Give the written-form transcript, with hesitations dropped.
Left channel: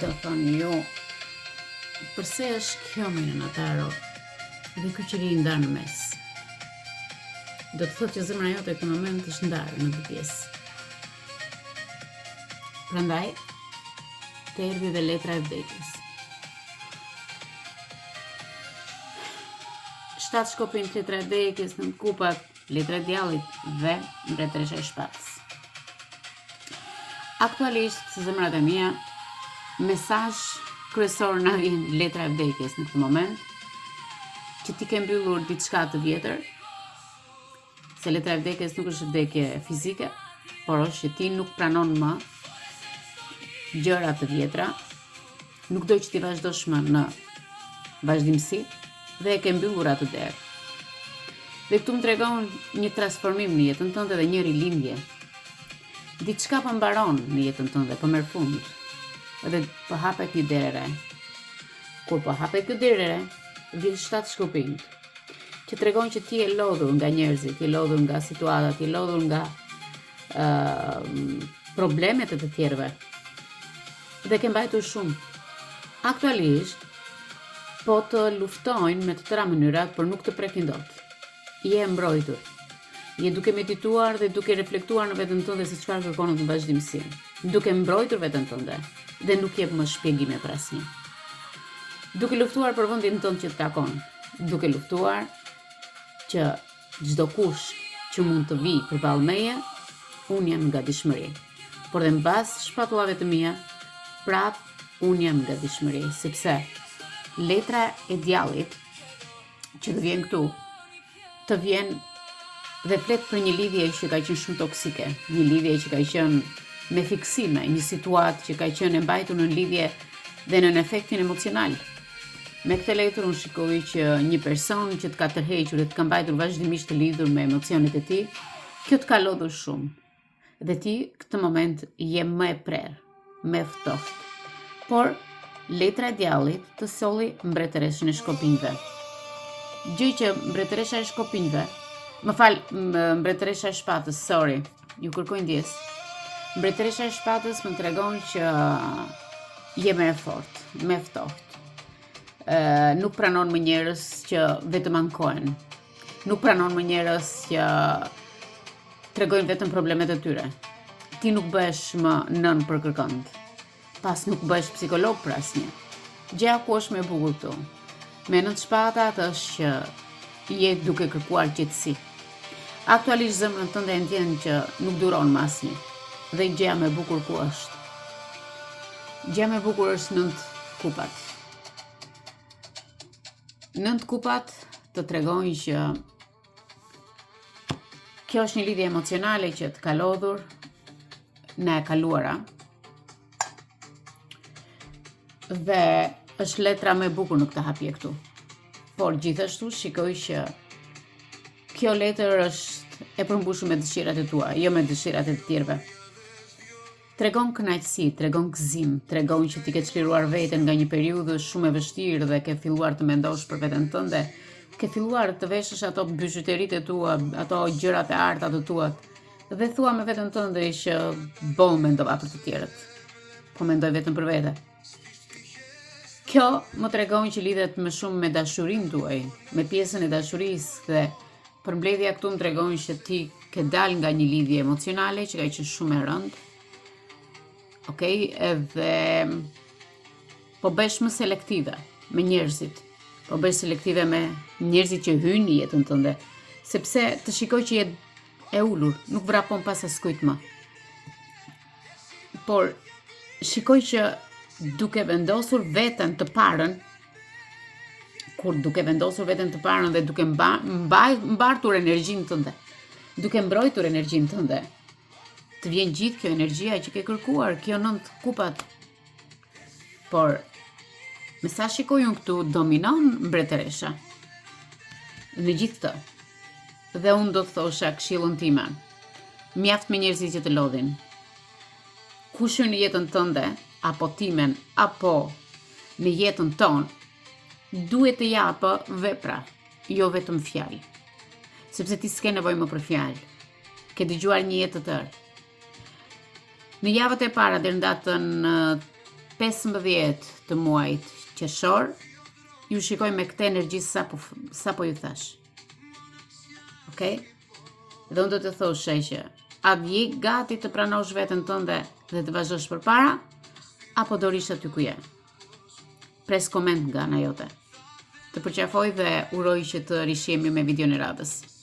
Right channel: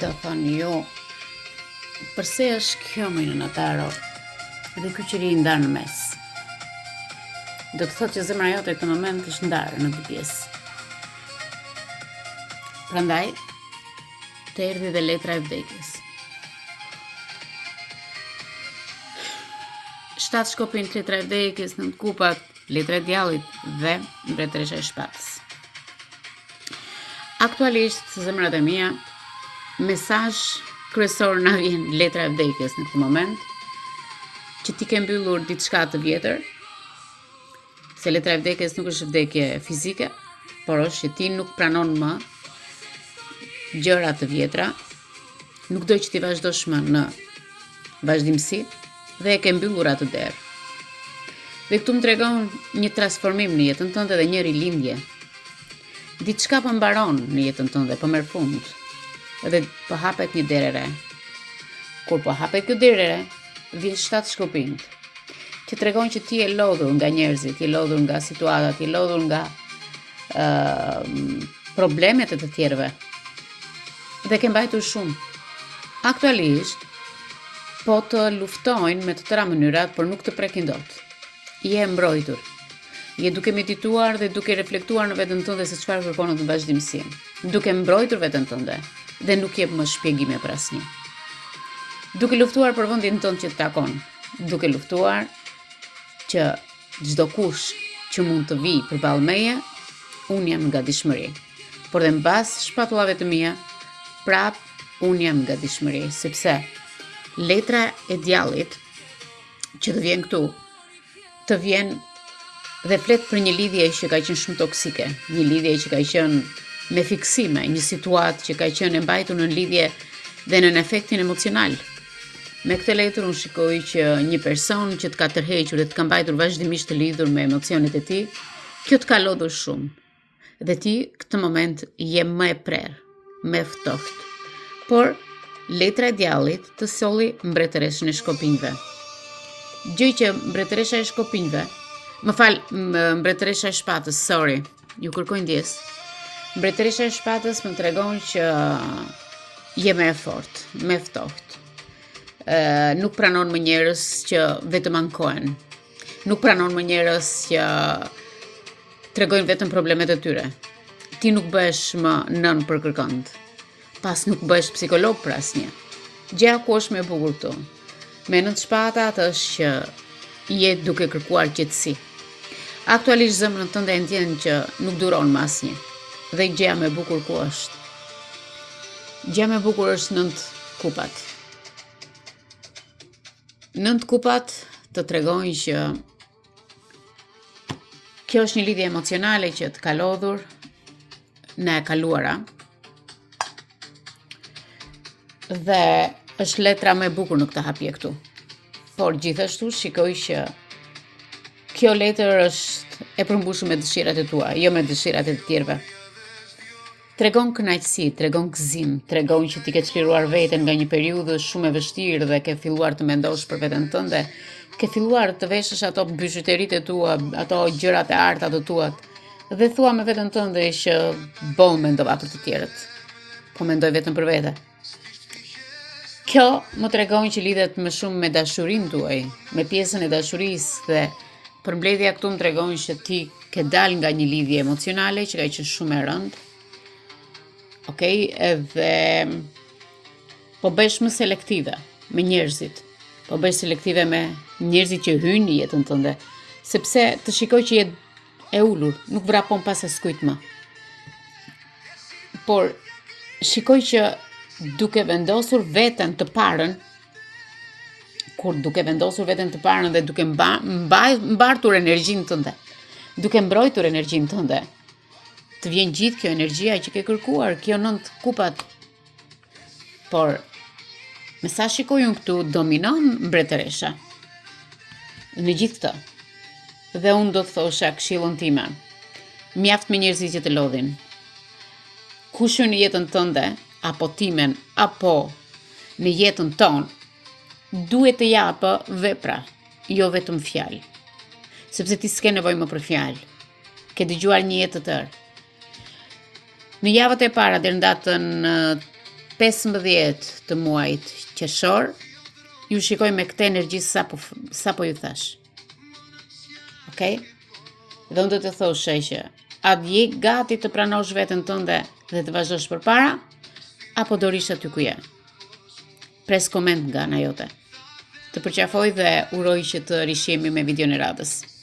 Do thonë jo, përse është kjo më në tarot dhe ky qiri ndarë në mes. Do të thotë që zemra jote këtë moment është ndarë në dy pjesë. Prandaj, të erdhi dhe letra e vdekjes. 7 shkopin, letra e vdekjes, 9 kupat, letra e djallit dhe mbretëresha e shpatës. Aktualisht, zemrat e mia, mesazh kryesor na vjen letra e vdekjes në këtë moment, që ti ke mbyllur diçka të vjetër, se letra e vdekjes nuk është vdekje fizike, por është që ti nuk pranon më gjëra të vjetra, nuk do që ti vazhdosh më në vazhdimsi dhe e ke mbyllur atë derë. Dhe këtu më tregon një transformim në jetën tënde dhe një rilindje. Diçka po mbaron në jetën tënde, po merr fund. Dhe po hapet një derë e re. Kur po hapet kjo derë e re, vjen 7 shkopinj, që tregon që ti je lodhur nga njerëzit, ti je lodhur nga situatat, ti je lodhur nga problemet e të tjerëve. Dhe ke mbajtur shumë. Aktualisht, po të luftojnë me të tëra mënyrat, por nuk të prekin dot. Je mbrojtur. Je duke medituar dhe duke reflektuar në veten tënde se çfarë kërkon në vazhdimsi. Duke mbrojtur veten tënde dhe nuk jep më shpjegime për asnjë. Duke luftuar për vendin tënd që të takon. Duke luftuar që çdo kush që mund të vijë përballë meje, unë jam nga dishmëri. Por dhe mbas shpatullave të mia, prap unë jam nga dishmëri, sepse letra e djallit që të vjen këtu, të vjen dhe flet për një lidhje që ka qenë shumë toksike, një lidhje që ka qenë me fiksime, një situatë që ka qenë e mbajtur në lidhje dhe në efektin emocional. Me këtë letër unë shikoj që një person që të ka tërhequr dhe të ka mbajtur vazhdimisht të lidhur me emocionet e tij, kjo të ka lodhur shumë. Dhe ti këtë moment je më e prerë, më e ftohtë. Por letra e djallit të solli mbretëreshën e shkopinjve. Gjë që mbretëresha e shkopinjve, mbretëresha e shpatës, sorry, ju kërkoj ndjes. Mbretëresha e shpatës më tregon që je më e fortë, më e ftohtë. Nuk pranon më njerëz që vetëm ankohen. Nuk pranon më njerëz që tregojnë vetëm problemet e tyre. Ti nuk bëhesh më nën për kërkënd. Pas nuk bëhesh psikolog për asnjë. Gjëja ku është më e bukur këtu. Me 9 shpatat është që je duke kërkuar qetësi. Aktualisht zemrën tënde e ndjen që nuk duron më asnjë. Dhe gjëja më e bukur ku është? Gjëja më e bukur është 9 kupat. 9 kupat të tregojnë që kjo është një lidhje emocionale që të ka lodhur në e kaluara. Dhe është letra më e bukur në këtë hapje këtu. Por gjithashtu shikoj që kjo letër është e përmbushur me dëshirat e tua, jo me dëshirat e të tjerëve. Tregon kënaqësi, tregon gëzim, tregon që ti ke çliruar veten nga një periudhë shumë e vështirë dhe ke filluar të mendosh për veten tënde, ke filluar të veshësh ato byxuteritë e tua, ato gjërat e arta të tuat, dhe thua me veten tënde që mendova për të tjerët. Po mendoj vetëm për vete. Kjo më tregon që lidhet më shumë me dashurinë tuaj, me pjesën e dashurisë dhe përmbledhja këtu më tregon që ti ke dalë nga një lidhje emocionale që ka qenë shumë e rëndë. Okej, edhe po bësh më selektive me njerëzit. Po bësh selektive me njerëzit që hyjnë në jetën tënde, sepse të shikoj që je e ulur, nuk vrapon pas askujt më. Por shikoj që duke vendosur veten të parën, kur duke vendosur veten të parën dhe duke mbartur energjinë tënde, duke mbrojtur energjinë tënde, të vjen gjithë kjo energjia që ke kërkuar, kjo 9 kupat. Por, me sa shikoj unë këtu, dominon mbretëresha. Në gjithë këtë. Dhe unë do të thosha këshillën time. Mjaft me njerëzit që të lodhin. Kushu në jetën tënde, apo timen, apo në jetën tonë, duhet të japë vepra, jo vetëm fjalë. Sepse ti s'ke nevojë më për fjalë. Ke dëgjuar një jetë të tërë. Në javët e para deri në datën 15 të muajit qershor, ju shikoj me këtë energji sapo ju thash. Okej? Dhe unë do të thoshe që a je gati të pranosh veten tënde dhe të vazhdosh përpara, apo do rish aty ku je? Pres koment nga ana jote. Të përqafoj dhe uroj që të rishjemi me videon e radhës.